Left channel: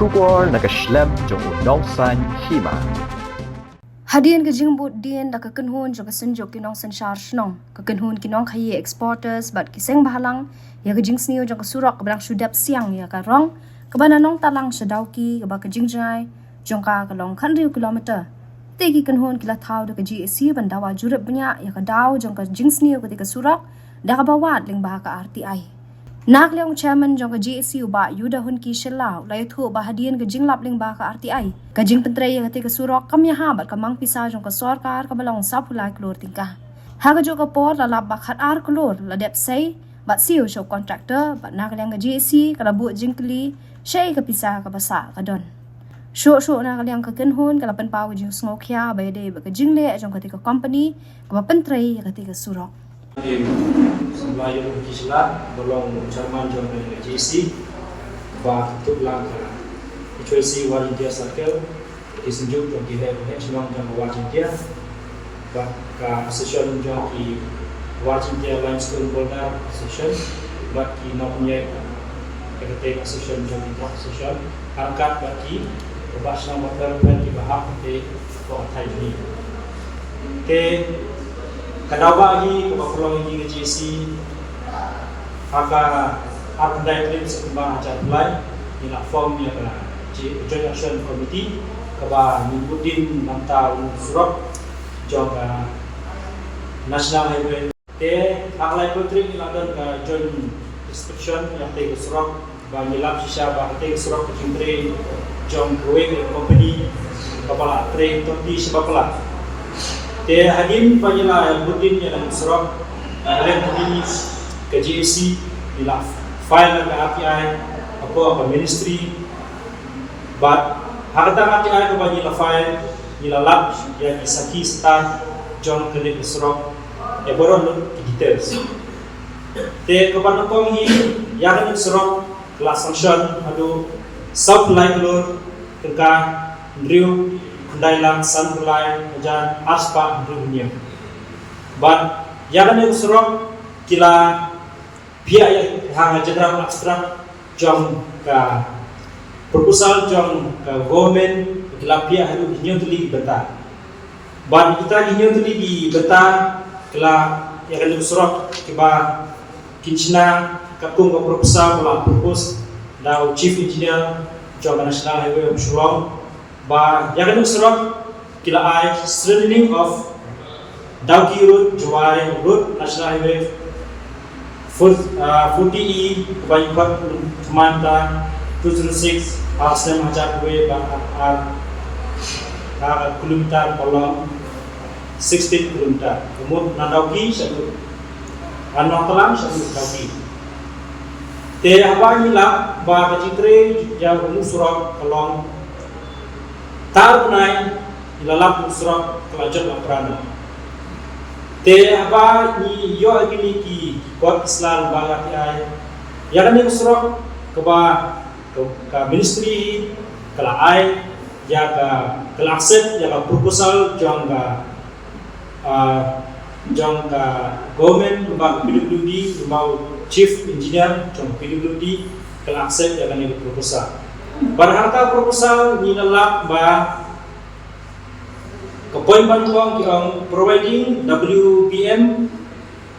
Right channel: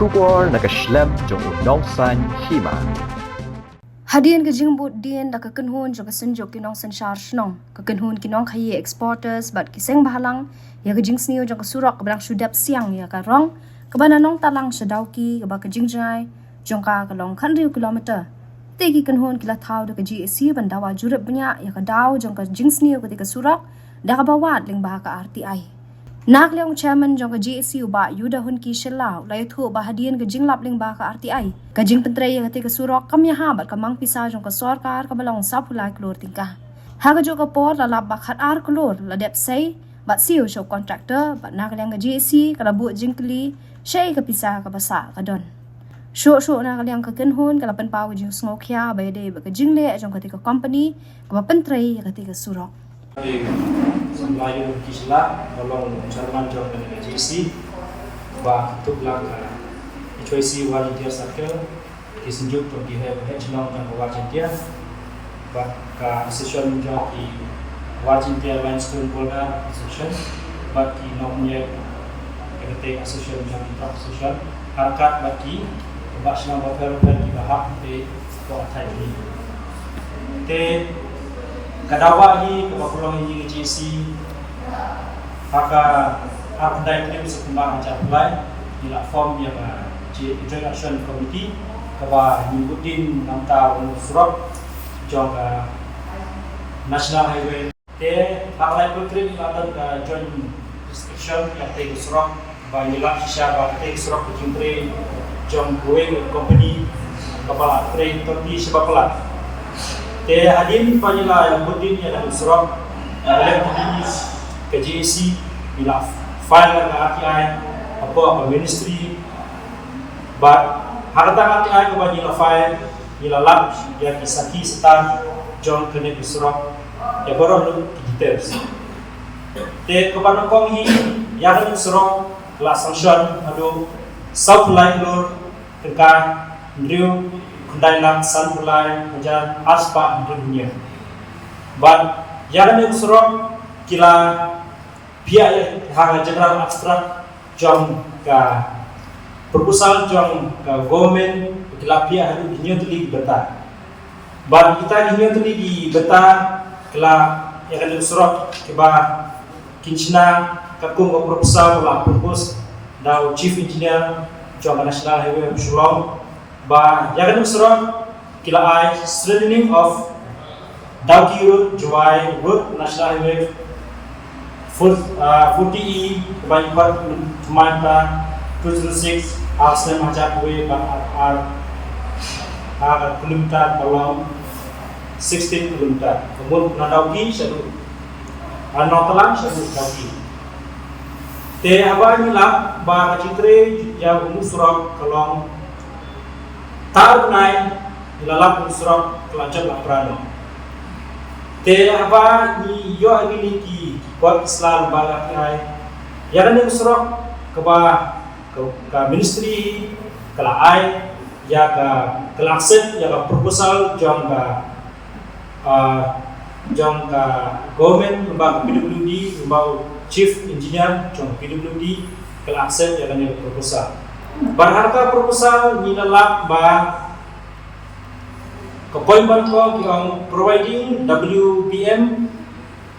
Shubor nakaslem jong unongsan hima. Hadian ke jingbut dien da kekenhun jo kesenjok kinong senshar shnong kekenhun kinong khaye exporters bat kiseng bahalang ya ke jingsnio jo kesurok kebrang sudap siang ya ka rong kebana nong talang sedauki keba ke jingjai jongka kelong khandriu kilometer tegi kenhun kila thau da ke GAC bandawa jurep benya ya ka daw jongka jingsnio ketika surok da ka bawat ling bah ka RTI nak leong chairman jong ka GAC uba yuda hun ki shelau lai thu ba hadian ke jinglap ling ba ka RTI ka jing pentrei ya ketika surok kamya ha bat kamang pisa jong ka sarkar ka balong sapulai klor tingkah ha ka jo ka por la lab ba khat ar klor la dep sei bat siu show contractor bat nak leong ka GAC ka labu jingkli shei ka pisa ka basa ka don sho nak leong ka kenhun ka lapan pau jing sngokhya ba de ba ka jingle jong ketika company ka pentrei ya ketika surok Sampai kisah tolong Salman John dengan JC bah tu belakang HYC Volunteer Circle kisenjuk untuk dihebat nong yang Volunteer bah ka session John ki Volunteer Limestone Boulder session bah ki nomnya ketika session John intro session harkat bagi bahas nama perempuan di bahak di kota ini te kadawa ni kapapulong ni JC haka arpandai trip sekembang ajar mulai di form ya ka Joint Action Committee kaba nyimbutin manta surok jong ka National Highway te haklai putri ladan ka joint inspection ya te surok ba yilap sisa ba te surok kimtre jong Boeing Company kepala train toti sebapala te hadin panyela yang budin yang dalam surah dalam begini ke GAC ila file ke RTI apa ministry but hakata RTI ke banyela file ila lab ya kisaki star John kene ke surah ya baru lu details te kepada konghi ya kan surah kelas sanction adu supply lor tengkai drill Kandailang Sanpulai Majan Arspa dunia. But yang ini usurok kila biaya hang general abstrak jom ka proposal jom ka government kila biaya haru hinyo tuli beta. But kita hinyo tuli di beta kila yang ini usurok kiba kinchina kakung ka proposal kala propose daw chief engineer jom National Highway Shillong ba yang surok kila ai strengthening of Dauki Road Juwai Road National Highway 40E kebanyakan Kemanta 206 Arsene Hajar Kuwe ban kilometer kolom 16 kilometer kemudian Nandauki satu Anotalang satu Dauki te abang hilang ba kacitre yang surok kolom tahu naik ilalap surah kelajar laprano. Te apa ni yo agini ki kuat Islam balat ai. Ya kan ni surah ke ministry kala ai ya ke accept ya ke proposal jong ka government lembaga PWD lembaga chief engineer jong PWD kala accept ya kan ni proposal. Berharga proposal ni lalak ba kepoinban ko kiong providing WPM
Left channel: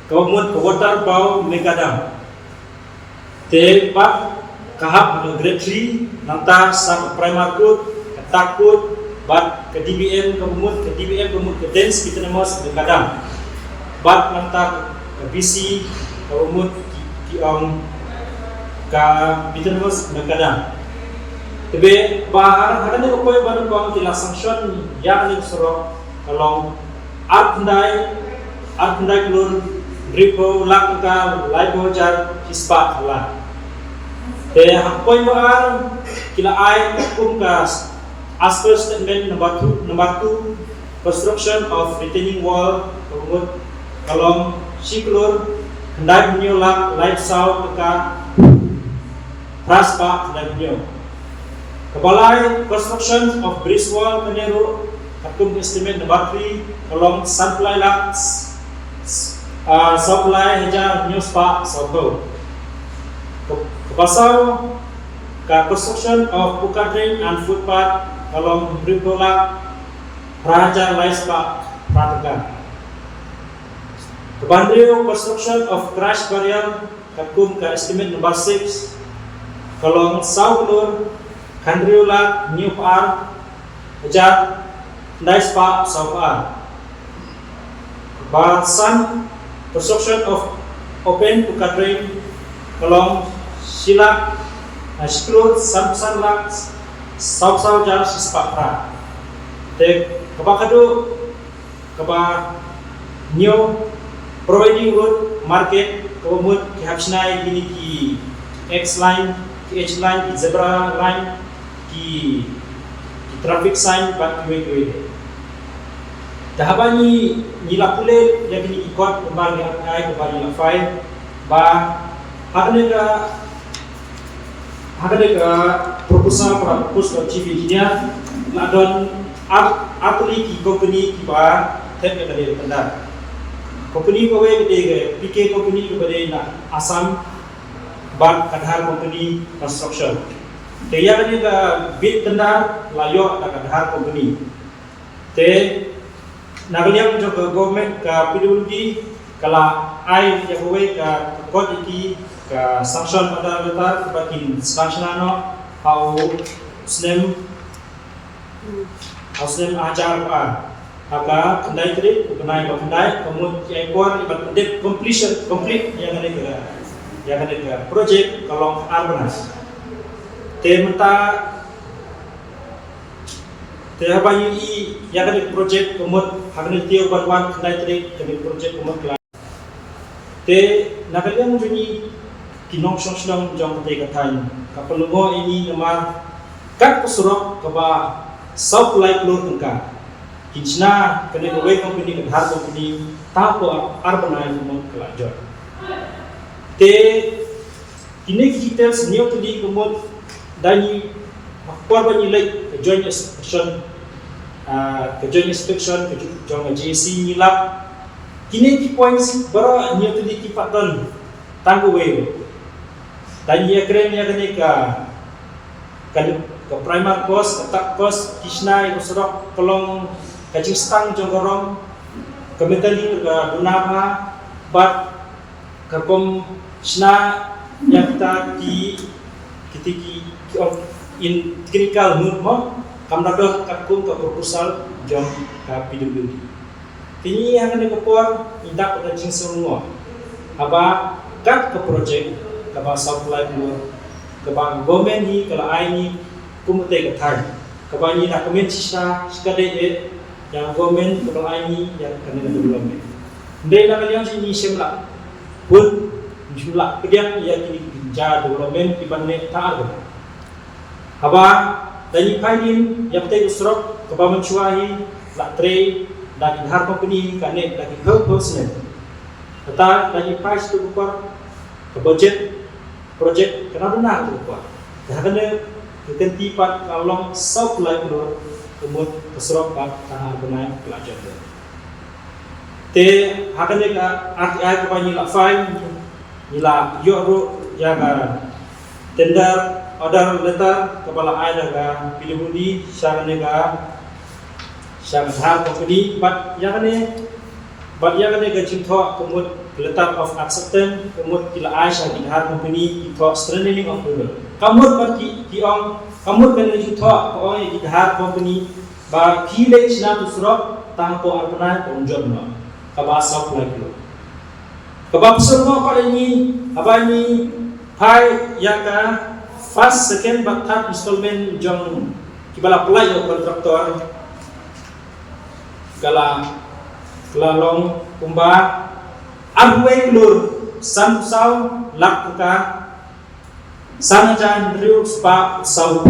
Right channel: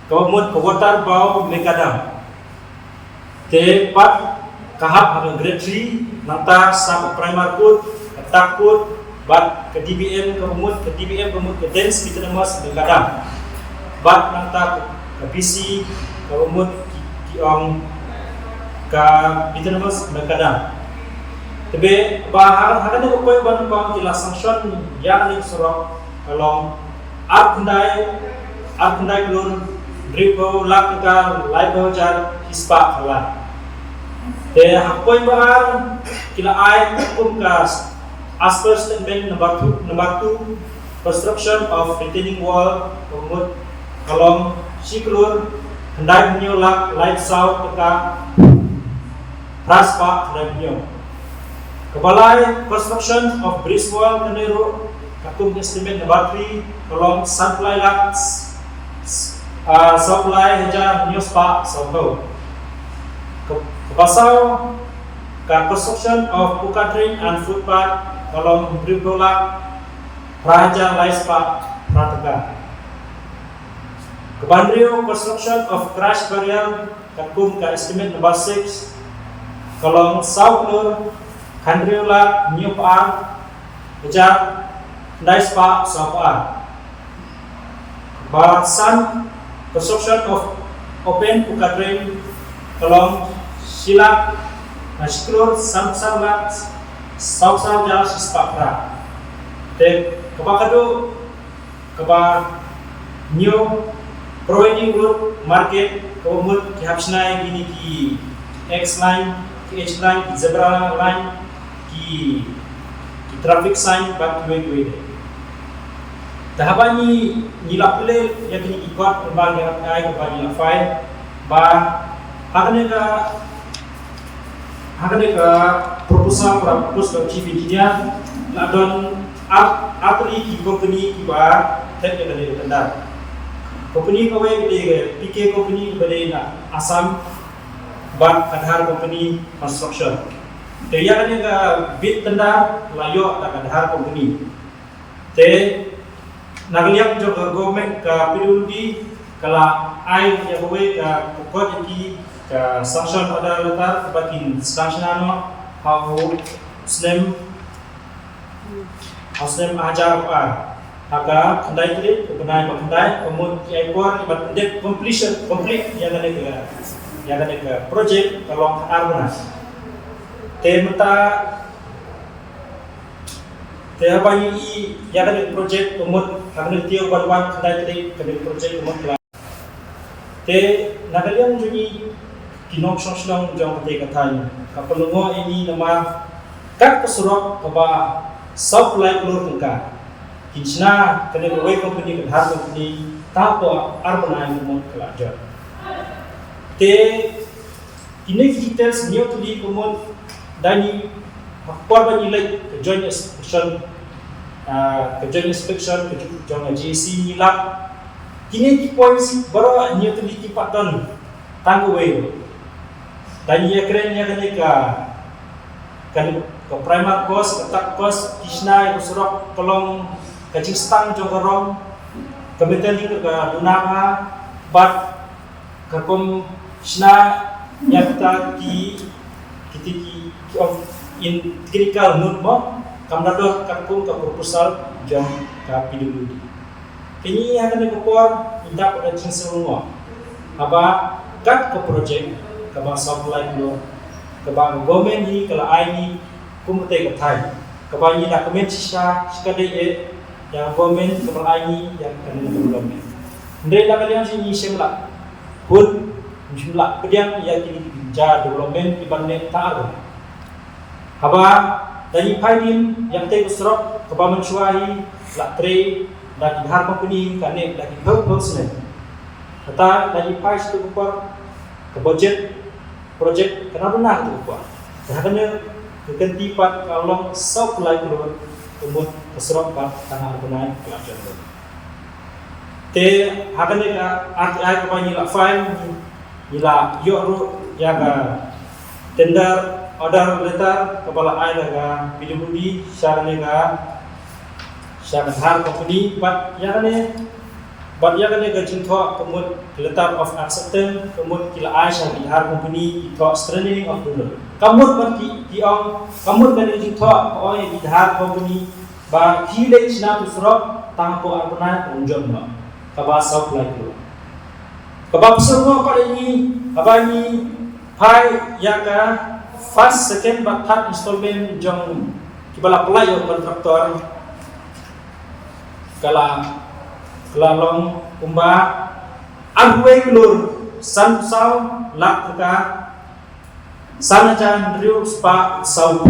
kemudian water bau megadam te pat kahap ada grade 3 nanti sa primary code ketakut bat ke DBM kemudian ke dance kita namas megadam bat nanti ke BC kemudian kiong ka kita namas megadam Tapi bahar ada ni upaya baru kau kila sanction yang ni surah kalau art ndai kelur dripo lakka laibo jar hispa kala. Upaya bahar kila ai kumkas as per statement number 2 construction of retaining wall kemudian kalau si kelur ndai punyo lak light south ka praspa ndai punyo Kebalai construction of bridge wall Kanero Akum estimate number 3 kolom supply laks supply hajar news pa sabdo Kebasaw construction of buka drain and footpath along Brigolak Raja Laispa Prataga. Kebandrio construction of crash barrier kakum ka estimate number 6 along South Lur Kandriola New Par Ajak Laispa South Par. Kebasan construction of open buka drain along Silak Shiklur Samsalak South Jar Sispakra. Kebakado keba new providing road market kebumut kihabsnai gini ki X line ki H line ki zebra line ki traffic sign bat kiwe tahabani nilapule ya gini ikot kembang ni ai kebani la file ba hakane ka proposal para propose to chief engineer la don atli ki company ki ba tek ke dari tendar company ko we ke PK company ke bade na Assam ban Kadhar company construction te ya kan ka bid tendar layo ta Kadhar company te nagaliang jo ka government ka PWD kala ai ya we ka kod ki ka sanction pada letar kebakin sanction ano how snem ajar haka kendai kiri kenai kendai kemudian ekor ibat pendek complete yang ada ke project kalong arbanas tementa apa ini yang ada project kemudian hakne tiyo banwan kendai kiri kendai project kemudian te nakaliang juni kinong song jong te katany kapalungo ini nama kat pesurok kaba South Light Lur tengka kinchna kene kawai company Kadhar company tapo urban line mong kalajon te kini details new tuli kumon dani hakpar bani like joint inspection ke jong JC nilak kini ki points baru new tuli ki paton tanggu we dani ya keren ya kene ka primar cost, ketak cost, kisna yang surok kolong kacing stang jongkorong, kemetali ke dunaka, bat kakom kisna yang kita ki in critical note mo, kamdado kakum ke proposal jom ke PWD. Kini yang ada kepor indak pada kacing serungo, apa kat ke project kaba supply dulu, kaba government ni kalau ai ni kumutay katay kabani na comment siya skade yang government kapalani yang kanina development ndai na kalian sini semla pun jumlah pediang ya kini ja development ibanne taar haba dani paidin yang tay usrok kabaman chuahi la tre dan Kadhar company kane lagi purpose kata dani pais tu kupar ke budget project kenapa nak tu kupar hakane kekenti pat kalong South Light Lur umut keserok pat tanah benai pelajar tu. Te hakane ka RTI kapani la fine nila yoru jaga tender order letter kepala ai daga PWD syakane ka Kadhar company pat yakane ka jintho kemut letter of acceptance kemut kila ai Kadhar company jintho strengthening of the kamut berki diong kamut kan jintho ko Kadhar company ba village na tusrok tangko arpana tonjon lo kaba South Light Lur kaba psurno pa ni abani pai yaka first second but third installment jong kibala apply yo kontraktor kelalong kumba Arway Lur Sansau Lakka Sanajan Driu Spa Sau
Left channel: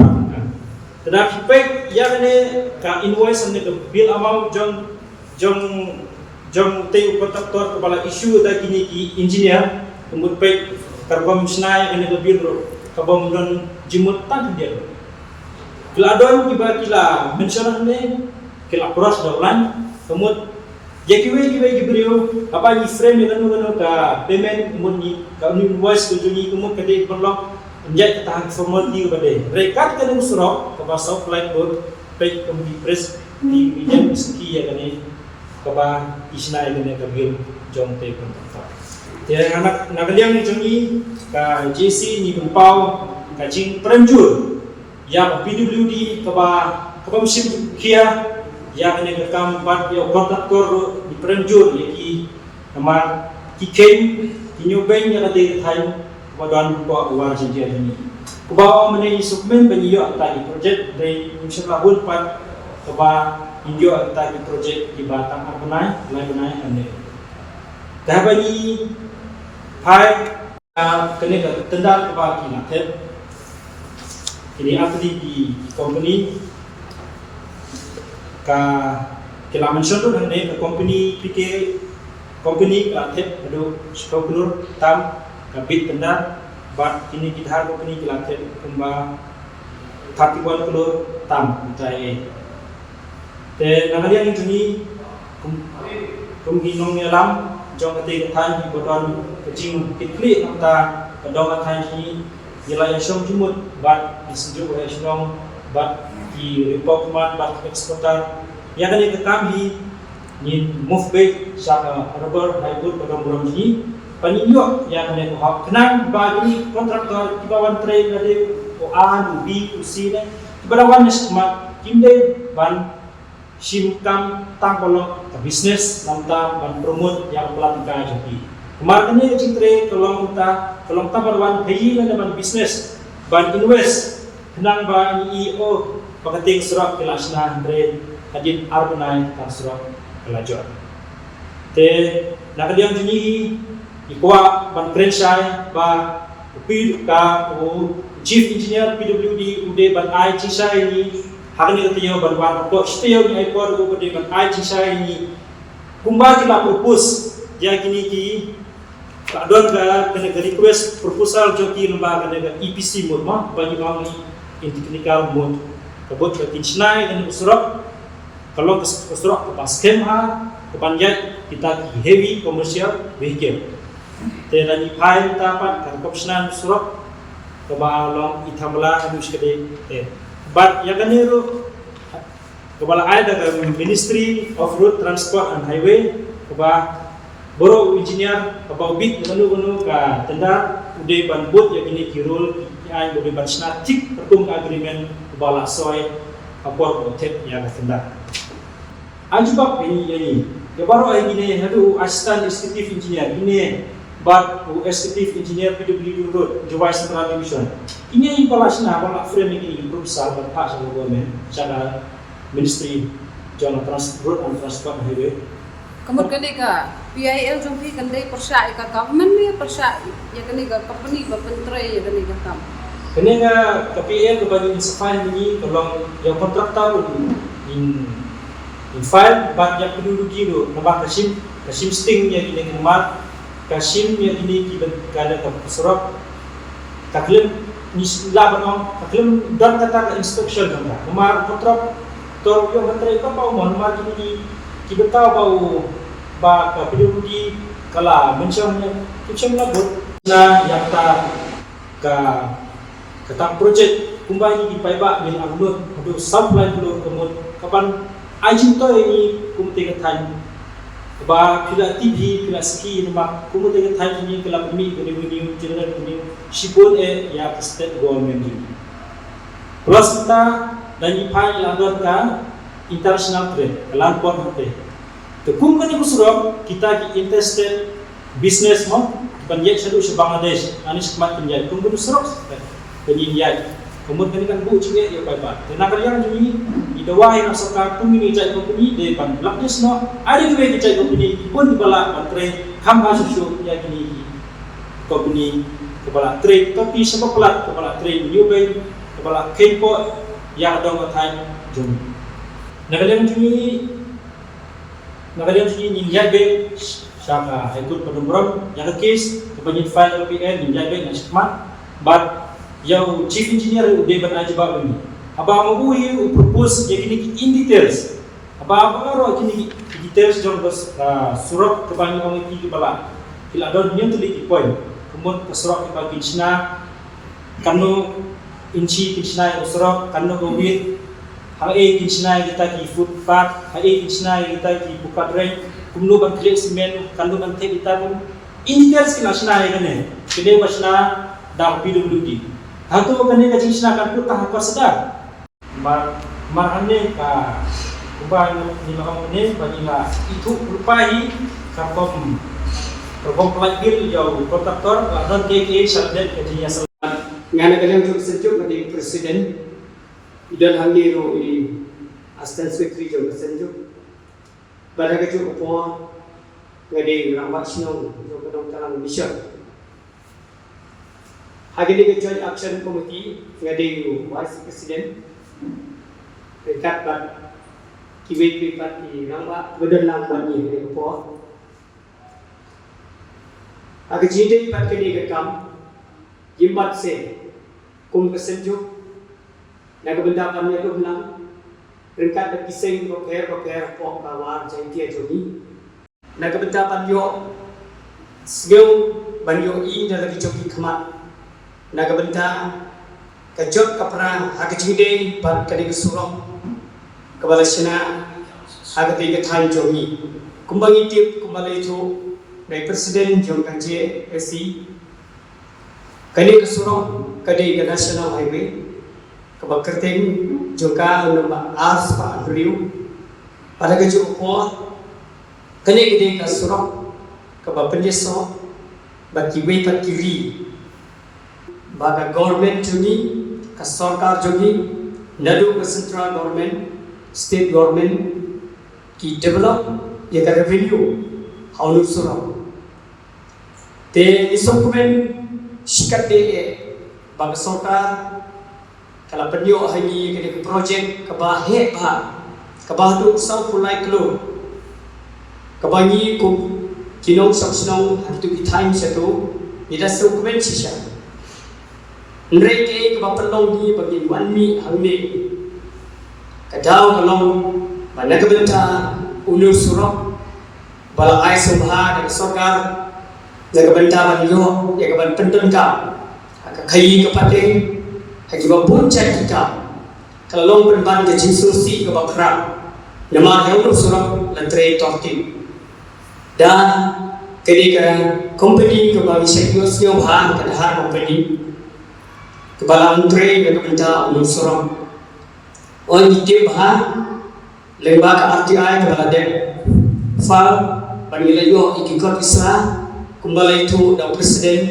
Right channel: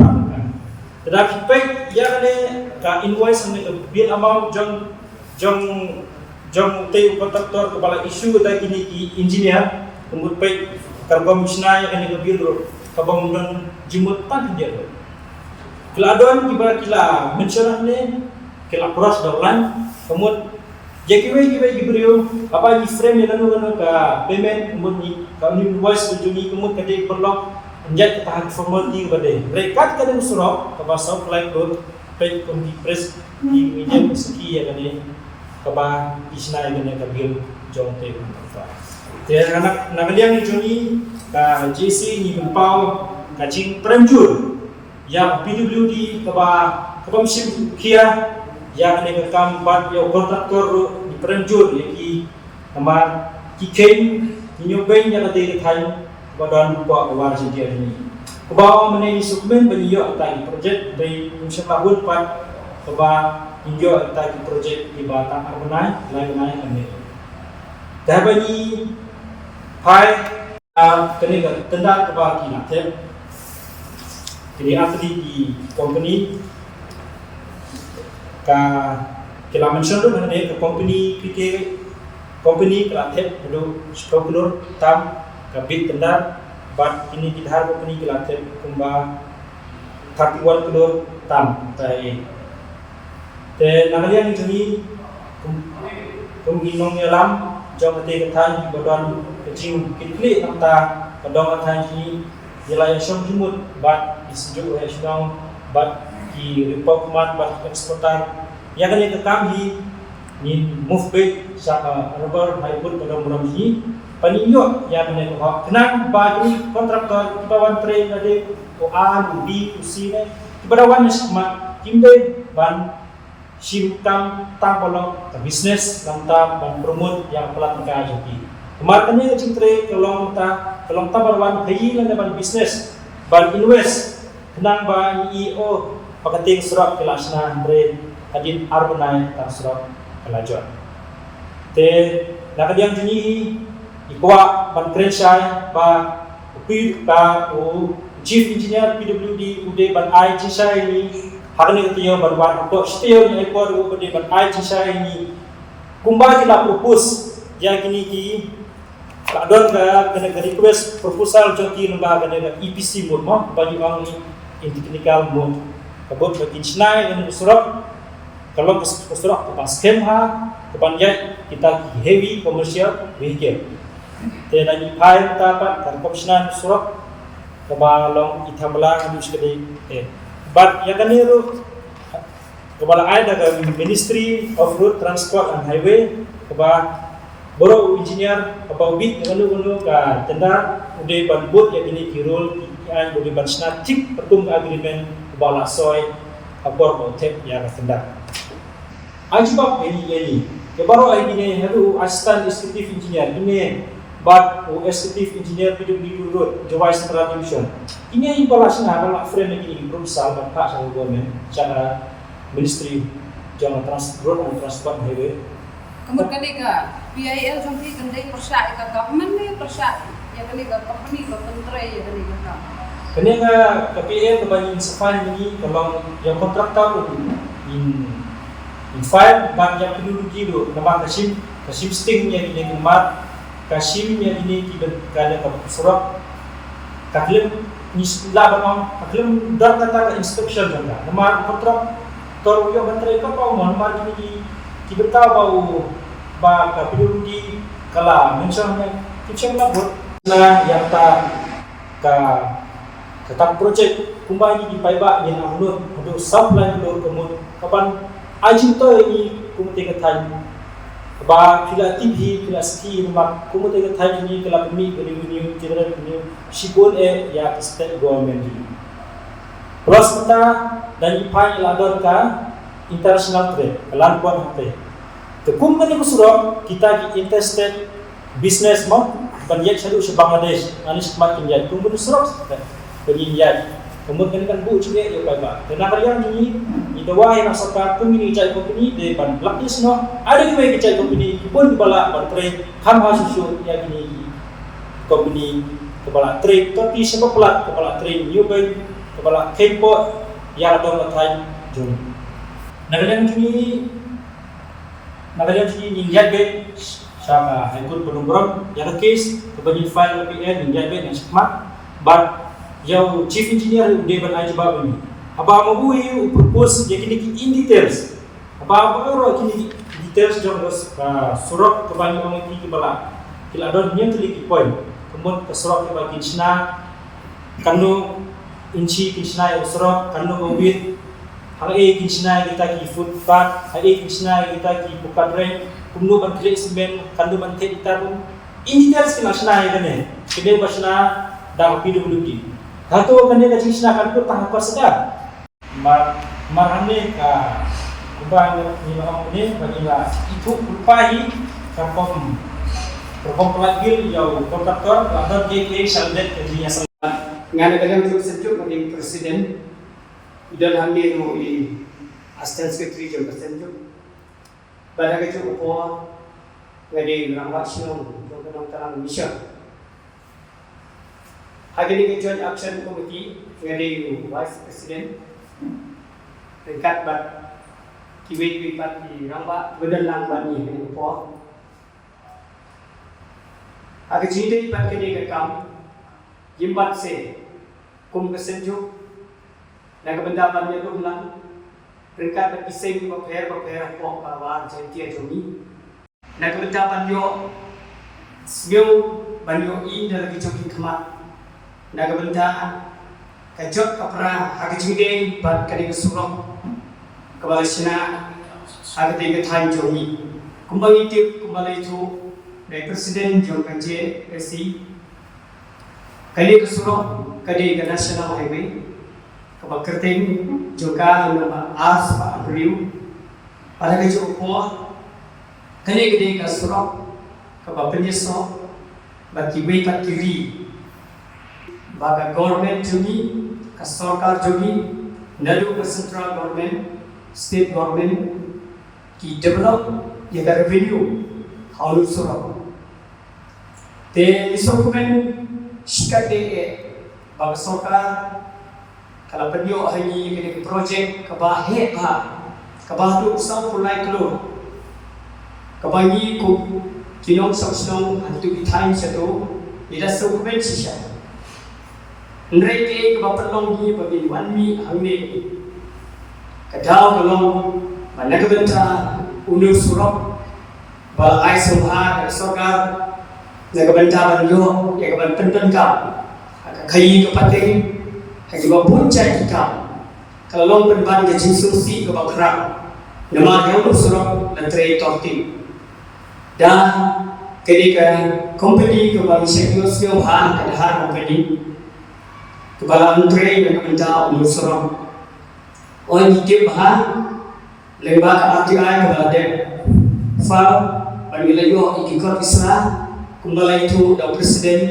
tetapi pek yakni ka invoice ane ke bill amount jong teu kontraktor kepala isu ta kini ki engineer kemut pek karbon misnai ane ke bill kabam don jimut tak dia lo keladon kila mention ne kila cross dolan kemut Jakiwe gibriu apa ni frame yang ka payment mun ni ka invoice tu ni kemut kade perlu menjadi ketahan formality kepada mereka kan yang surau ke bahasa apply code page komite press di media meski ya kan ke bah isna ya kan kabil jong te kontak dia anak nagaliang ni jongi ka JC ni berpau ka jing perenjur yang PWD ke bah musim kia ya kan ka kam bat ya kontraktor di perenjur yaki nama kiken kinyoben ya ka de thai Badan buka awal jadi ini. Kubawa menjadi suplemen banyak tadi projek dari musim lahun pat keba India tadi projek di Batam Armenai lain kan ni. Dah bagi hai kena tenda keba kilat. Jadi atli di company ka kila mention tu hanya ke company PK company kilat itu sepuluh tam kabit tenda bat kini kita har company kilater kumba 31 kilo tam tai te nagalian ini kum ginong ngelam jong ate kathan bodon kecing kitli namta kadong kathan ni yela yashom jumut bat isju yashong bat ki report mat bat eksportar ya kan yang kami ni move back sa rubber hybrid bodong bodong ni Paninyo yang mana tu hak kenang bagi kontraktor di bawah train ada A, B, C ni di bawah ni semua kimde ban simtam tang kolong ke bisnes lamta ban promote yang pelatih jadi kemarin ni kecil train kolong tabarwan kayi lah ban bisnes ban invest kenang ban EO pakating surat kelasna train hadin arbenai tang surat kelajuan te nakadiang jini Ikwa ban Krensai ba upir ka chief engineer PWD ude ban IG sai ni hakni ketiyo ban wan apa steo ni airport ude ban IG sai ni kumba kila propose ya gini ki kadon ka kena request proposal joki lembaga kena EPC mode ma bagi wang ni in technical mode kabut bagi snai kena surat kalau ke surat ke paskem ha ke panjat kita heavy commercial vehicle Tena ni pai tapat kan komsnan surok kebalong itamla harus kede but ya kan niru kebala ada ke Ministry of Road Transport and Highway keba boro engineer keba bit yang anu ka tenda ude ban bot ya gini kirul yang ude ban snatik perkum agreement kebala soy apor botek ya ka tenda ajibak ini kebaro ai gini hadu assistant executive engineer gini but executive engineer PWD Road Jawai Central Division ini ibalasna kalau frame ini proposal bapak sama government cara Ministry Jalan Road and Transport Highway kemudian ka PIL sampai kendai persa ka government ni persa ya kene ka company berpentre ya kene ka kene ka PIL kebanyakan sefile ini kalau yang kontraktor in file banyak penduduk itu nama kasim sting yang ini nomor Kasim yang ini kita kada surat kaklem ni laban on kaklem dar kata inspection jangka nomor kontrak tor yo kantre ka pau mon mar kini ki betau bau ba ka PWD kala mentionnya kitchen labot na yang ta ka project kumbai ni dipaiba yang amnut adu supply dulu kemun kapan ajin to ini kumte ka tan ba pila TV pila ski nama kumute ka thai ni kala pemi revenue generate revenue sipol ya state government ni plus kita dan ipai ladon ka international trade kalan pon hate to kum kan ko surok kita ki interstate business mo banyak sadu sa Bangladesh ani smat kinjai kum bu surok penyinjai kemudian kan bu cike ya ba karena kalian ni idawai na sarkar kum ni jai company de ban laknis no ada ke we jai company pun bala ban trade kam ha su ya gini company kepala trade tapi sebab pelat kepala trade new bay kepala K-port yang dong thai jung nakalian ni ninjat be saka haikut penumburan yang case kebanyakan file PN ninjat be na smart but Yau chief engineer udah ban ajibab ini. Aba mabui propose jadi ni in details. Aba ro kini details jong surat kebanyakan orang itu bala. Kila don nyen tuli point. Kemudian ke surat ke bagi Cina kanu inci kinchnai usrok kanu gowit hang kinchnai kita ki footpath kinchnai kita ki bukadre kumnu ban krek semen kanu ban the kita pun indicators kinasnai gane kede basna dang PWD hatu kane ka jinsna kan tu tahap sedang marhamne ka kubang ni maham ni banila itu rupai kampung pelagil jauh kontraktor dan KK saldet kadinya ngana kadang tu sejuk ngadi presiden dan hangi no ini assistant secretary jo sejuk pada keju ko ngadi rambat sino jo kadang talang mission Hari ini Joint Action Committee ngadi Vice President dekat bat kiwi bat di ramba bedan lambat ni ni po. Hari ini bat kini kekam jimbat se kum kesenjuk nak kebendapan dia tu ulang dekat bat kiseng paper po kawan jadi jogi nak kebendapan yo skill banyo i dalam jogi kemat Nagabenta kajot kapra hagijide bat kadi kesurok kebalasna hagati ketan jogi kumbangi tip kumbali itu by presiden jong kanje SC kali kesurok kadi ke national highway kebakerten joka nomor ars pa riu pada kejo po kali gede kesurok kebapenyeso baki we ka kiri baga government juni ka sarkar juni nadu ka central government state government ki develop ya ka revenue haulu sura te isokumen shikate baga sarkar kala penyo hani ke project ka ba he ba ka ba tu sa kulai klo ka ba ni ko kinong saksno hatu ki time seto ida sokumen sisha Nreke ke bapelong ni bagi wanmi hamil kadau kalong banagabenta ulur surok ba ai subha ka sokar nagabenta banyo ya ka banten ka kai ka pate ka jiwa punca kita kalong berban ke jinsusi ke bapra nama ulur surok lantre torti dan ketika company ke bagi sekiosio bahan ke dahar company Kepala Menteri yang minta ulur surok orang itu bahan lembaga RTI kepala dek file bagi layu ikut Islam kembali itu dan presiden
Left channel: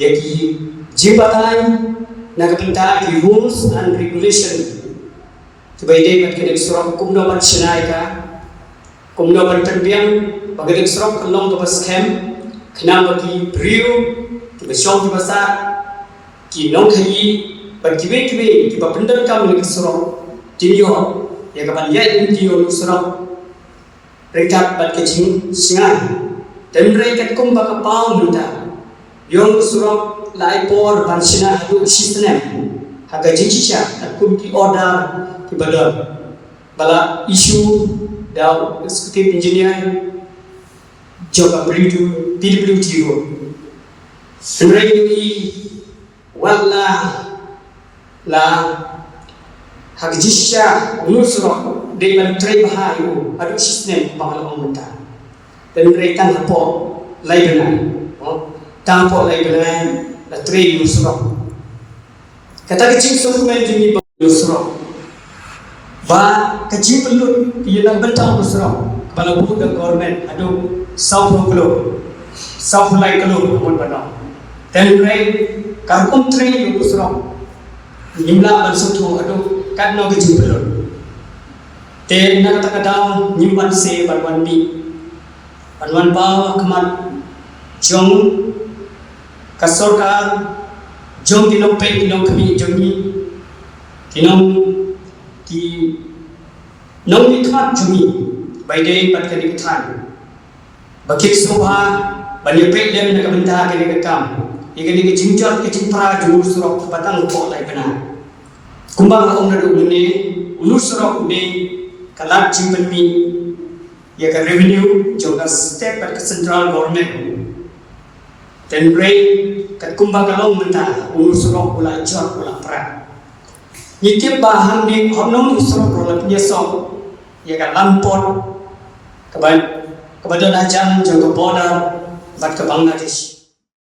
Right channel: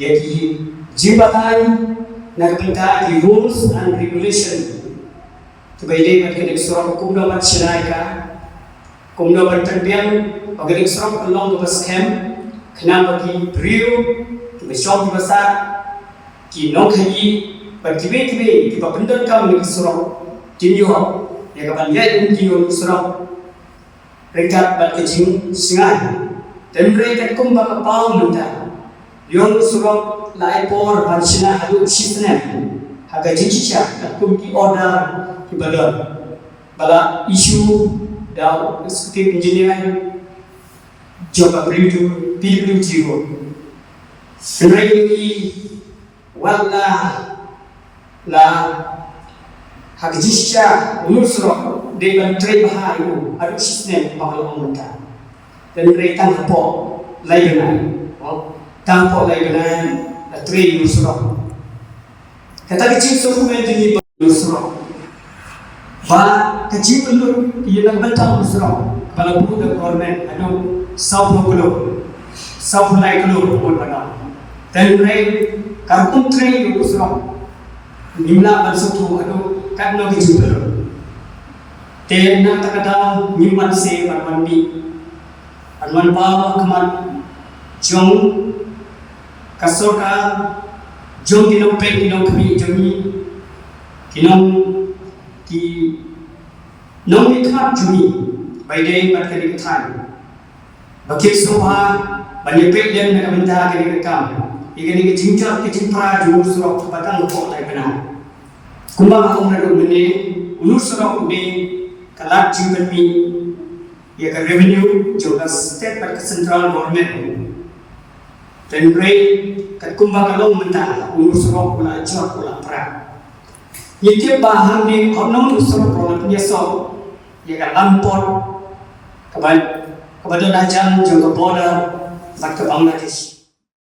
jadi jabatan nak minta di rules and regulation sebagai bagi surok hukum dapat sinaika hukum dapat terbiang bagi surok kelong dapat scam kena bagi beriu kita syok besar ki nong khayi par kibe ki ba pendar ka mele kisro tinyo ya ka ban ye ti yo kisro rekat bat ke jing singai dan rekat kum ba ka pa munda yong kisro lai por ban sina hadu sisne ha ga jing cha kum ki order ki bala issue da executive engineer job britu PWD ro wala la hagjisha ulusro de lan trebahayu adu sistem bakal omuta dan retan hapo laigana tampo laigana la tre ulusro kata kecil surumen dini ulusro ba kecil perlu ialah bertang ulusro kepala buku dan government adu south lai kelo umur pada dan Karpun train yang usrok, nimla bersuatu atau kat nak jumpa. Tenang tak ada nimban se berwandi, berwan bawa kemat jong kasorka jong kinam pen kinam kami jongi kinam ki nong ikat jongi bayi dia berkali ketan. Bagi soha banyak dia nak minta kali kekam. Ini ke jingcat ke jimpra jumur surau batang kota kena. Kumbang aku nak ini ulur surau ini kalat jumper mi ya ke revenue juga state ke central government. dan break kat kumbang kalau mentah urus roh pula jawab pula perang nyikir bahan ni omnong urus roh pula penyesal ya kan lampor kepada lajang jaga border buat ke Bangladesh